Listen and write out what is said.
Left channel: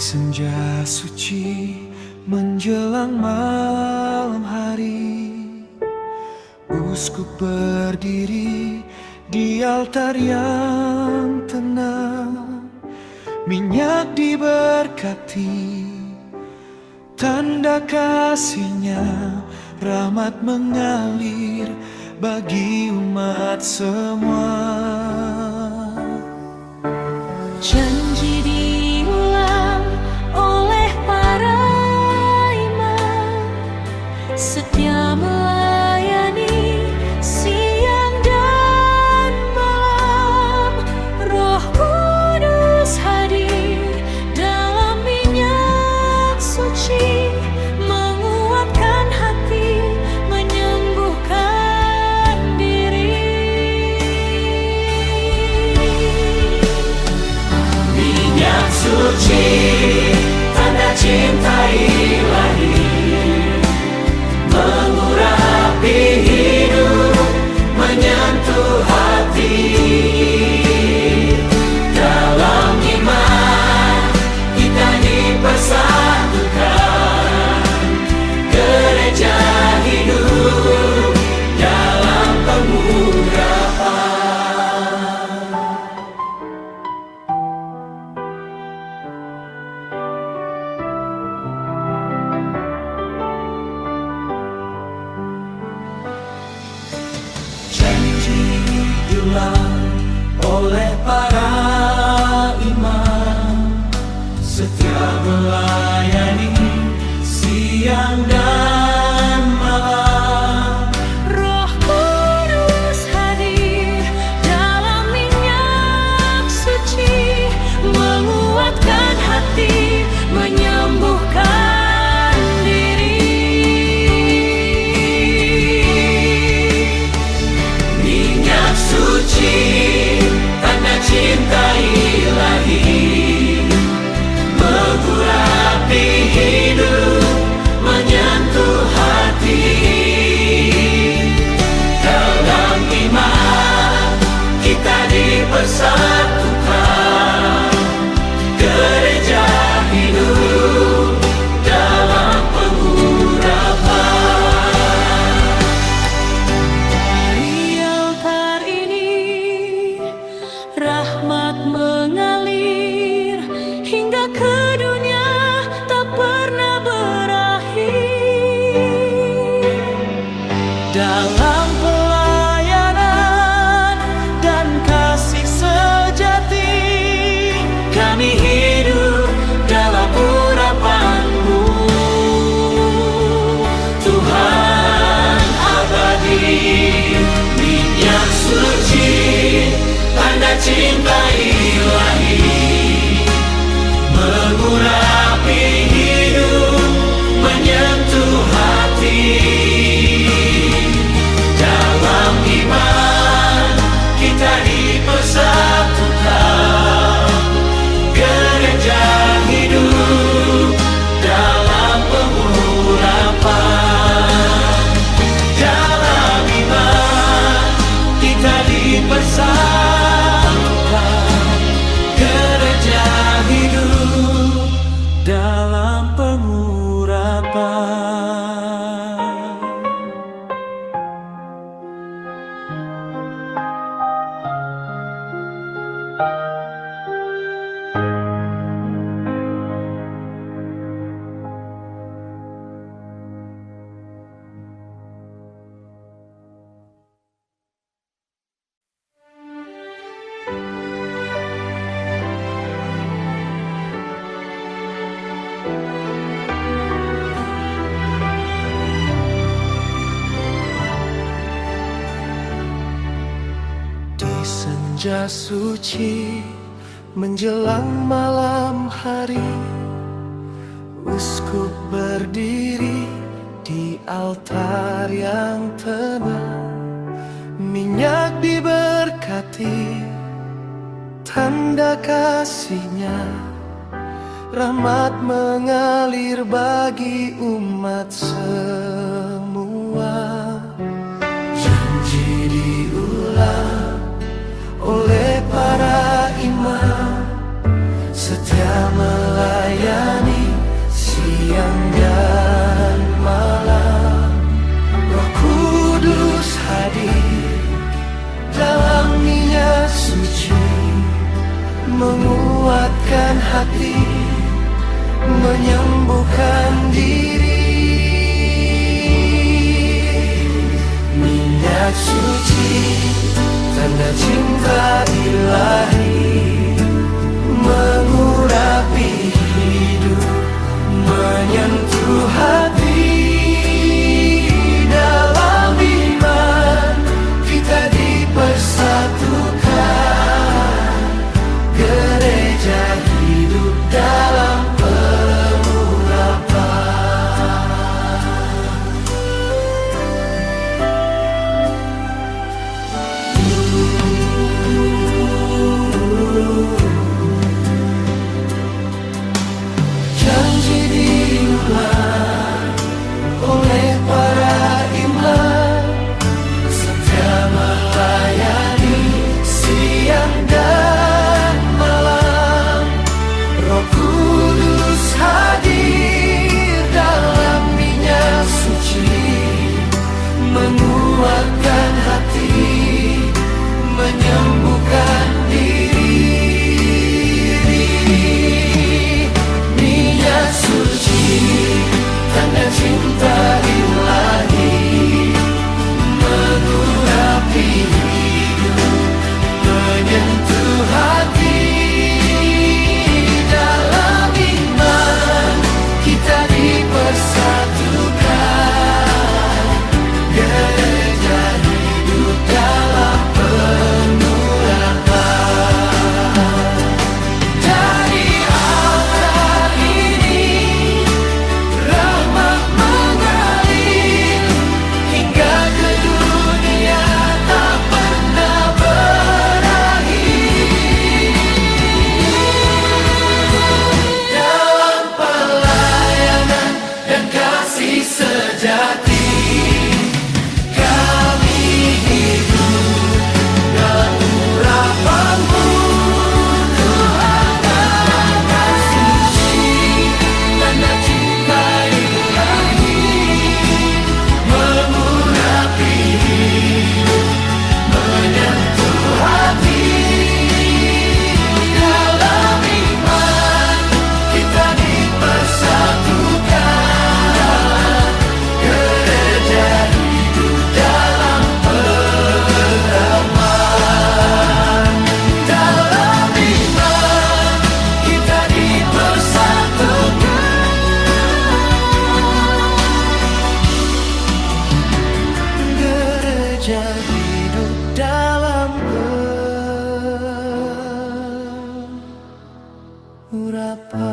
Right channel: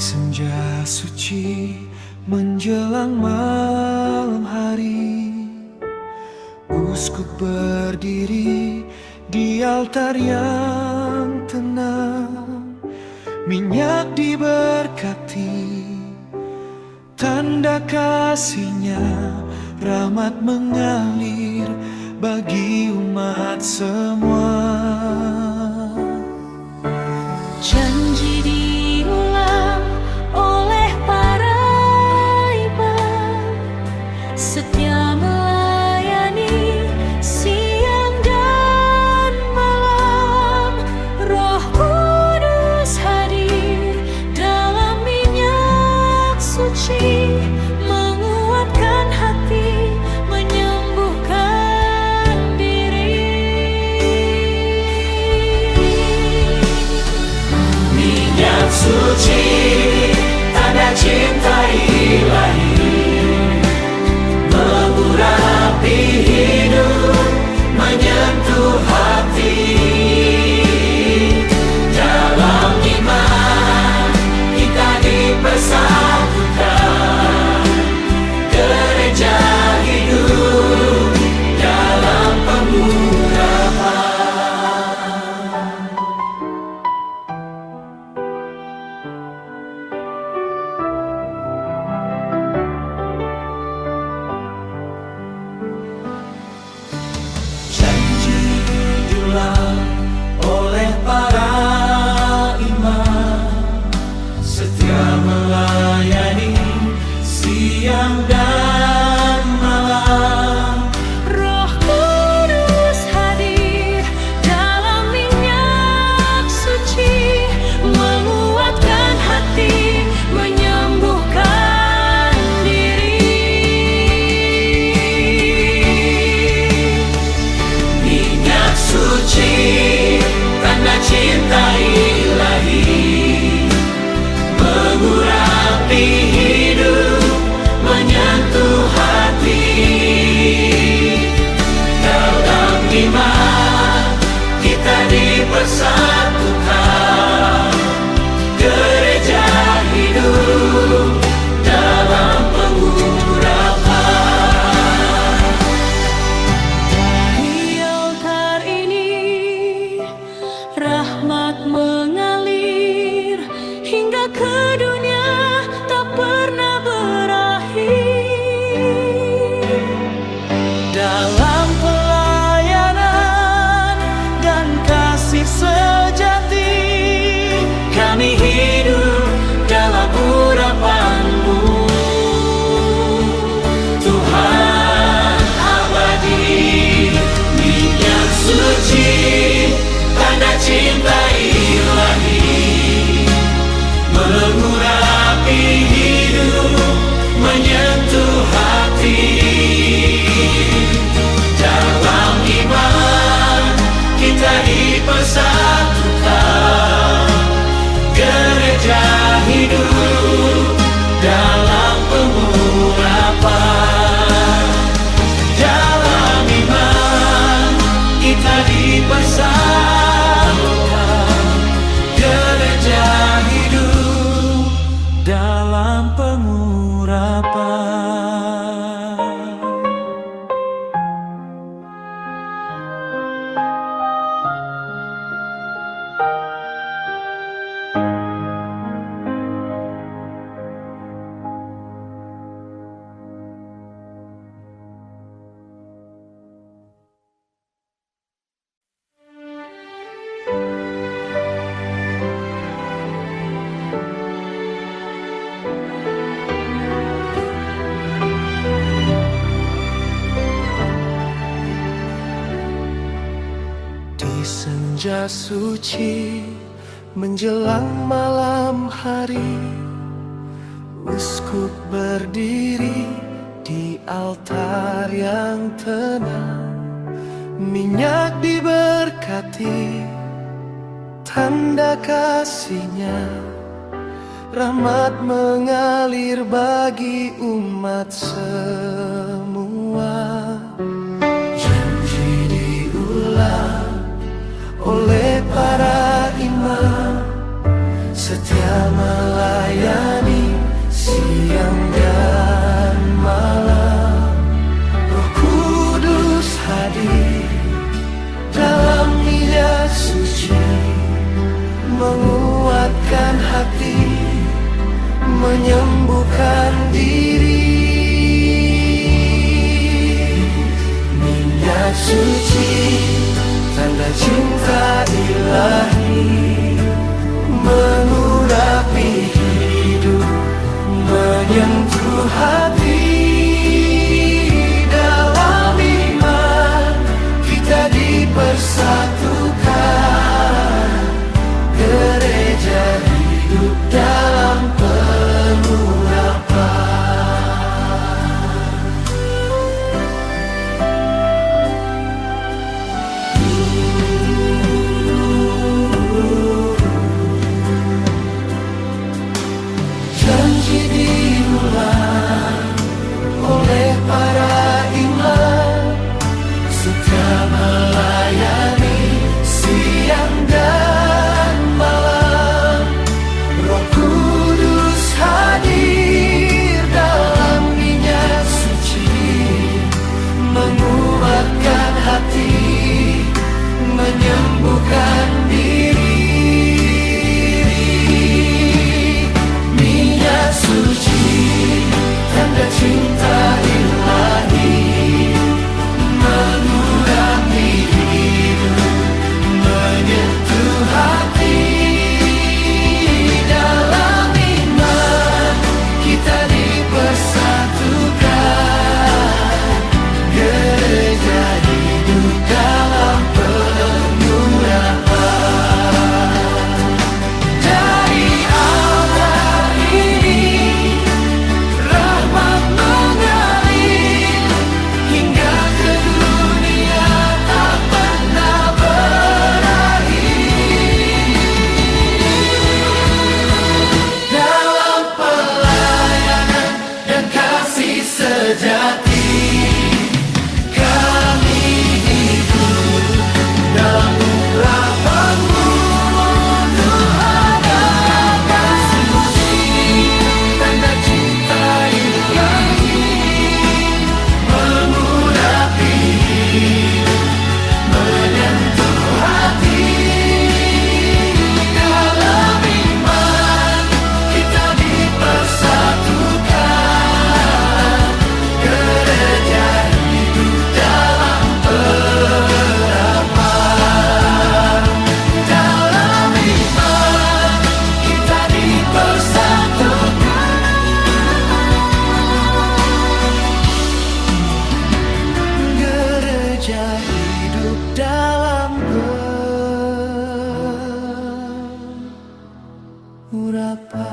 senja suci menjelang malam hari, uskup berdiri di altar yang tenang. Minyak diberkati, tanda kasihnya, rahmat mengalir bagi umat semua. Janji diulang oleh para imam, setia melayani siang dan malam. Roh Kudus hadir dalam minyak suci, menguatkan hati, menyembuhkan diri. Minyak suci, tanda cinta ilahi, mengurapi hidup, menyentuh hati. Dalam iman kita dipersatukan, gereja hidup dalam pengurapan. Janji diulang oleh para imam, setia melayani siang dan malam. Roh Kudus hadir dalam minyak suci, menguatkan hati, menyembuhkan diri. Minyak suci, tanda cinta ilahi, mengurapi hidup, menyentuh hati. Dalam iman kita dipersatukan, gereja hidup dalam pengurapan. Dari altar ini rahmat mengalir hingga ke dunia, tak pernah berakhir. Dalam pelayanan dan kasih sejati, Kami hidup dalam urapan-Mu, Tuhan abadi. Minyak suci, tanda cinta ilahi, mengurapi hidup, menyentuh hati. Dalam iman kita dipersatukan, gereja hidup dalam pengurapan. Dalam iman kita dipersatukan, gereja hidup dalam pengurapan. Di senja suci menjelang malam hari, uskup berdiri di altar yang tenang. Minyak diberkati, tanda kasihnya, rahmat mengalir bagi umat semua. Janji diulang oleh para imam, setia melayani siang dan malam. Roh Kudus hadir dalam minyak suci, menguatkan hati, menyembuhkan diri. Minyak suci, tanda cinta ilahi, mengurapi hidup, menyentuh hati. Dalam iman kita dipersatukan, gereja hidup dalam pengurapan. Janji diulang oleh para imam, setia melayani siang dan malam. Roh Kudus hadir dalam minyak suci, menguatkan hati, menyembuhkan diri. Minyak suci, tanda cinta ilahi, mengurapi hidup, menyentuh hati. Dalam iman kita dipersatukan, gereja hidup dalam pengurapan. Dari altar ini rahmat mengalir hingga ke dunia tak pernah berakhir. Dalam pelayanan dan kasih sejati, kami hidup dalam urapan-Mu, Tuhan amat suci. Tanda cinta ilahi, mengurapi hidup, menyentuh hati. Dalam iman kita dipersatukan, gereja hidup dalam perapan. Dalam iman kita dipersatukan, gereja hidup dalam pengurapan.